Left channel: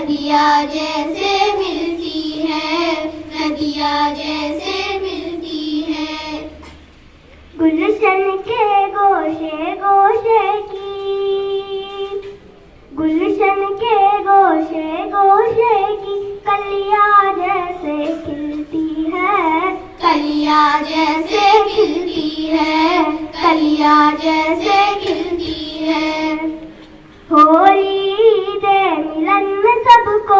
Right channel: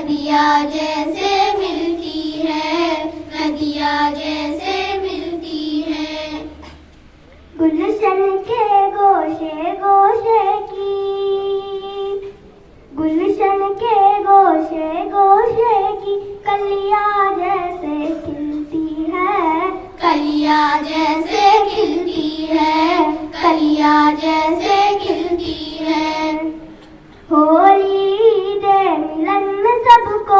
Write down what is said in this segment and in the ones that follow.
नदियाँ जैसे मिलती है, नदियाँ जैसे मिलती है। गुलशन के गोशे गोशे की, गुलशन के गोशे गोशे की कलियाँ जैसे खिलती है, कलियाँ जैसे खिलती है, कलियाँ जैसे खिलती है। होली दे मिलन में सबको,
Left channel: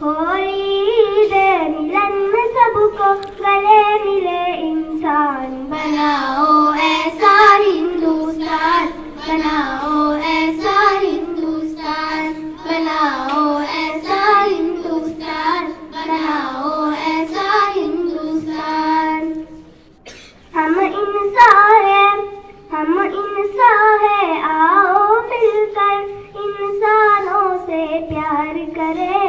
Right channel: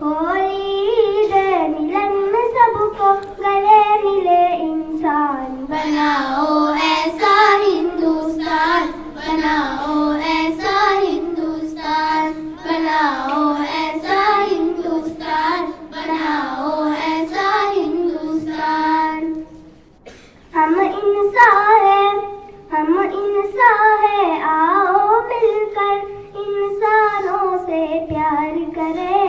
होली दे मिलन में सबको गले मिले इंसान। बनाओ ऐसा हिंदुस्तान, बनाओ ऐसा हिंदुस्तान, बनाओ ऐसा हिंदुस्तान, बनाओ ऐसा हिंदुस्तान। हम इंसान हैं, हम इंसान हैं, आओ मिलकर इंसानों से प्यार करें।